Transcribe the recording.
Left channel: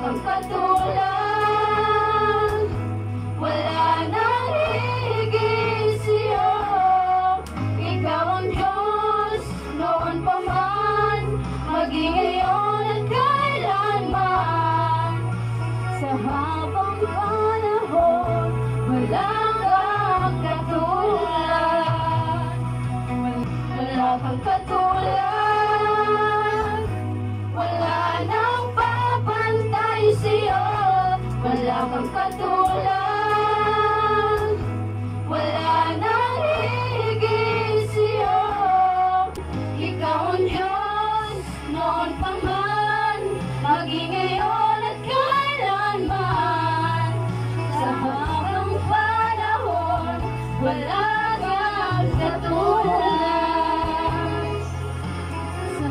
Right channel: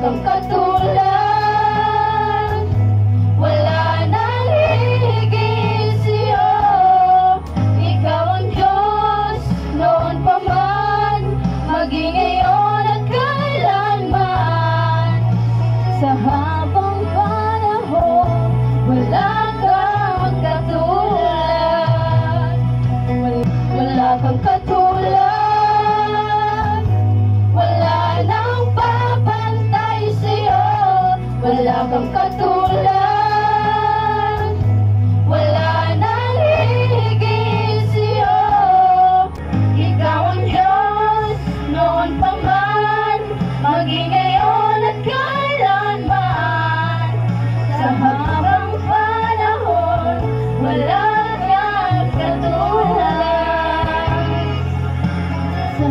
kang katulad, wala nang higit sa'yo. Ikaw ang Diyos, noon pa man, maging ngayon at kailanman. Sa habang panahon, wala kang katulad, wala kang katulad, wala nang papantay sa'yo. Wala kang katulad, wala nang higit sa'yo. Ikaw ang Diyos, noon pa man, maging ngayon at kailanman. Sa habang panahon, wala kang katulad. Sa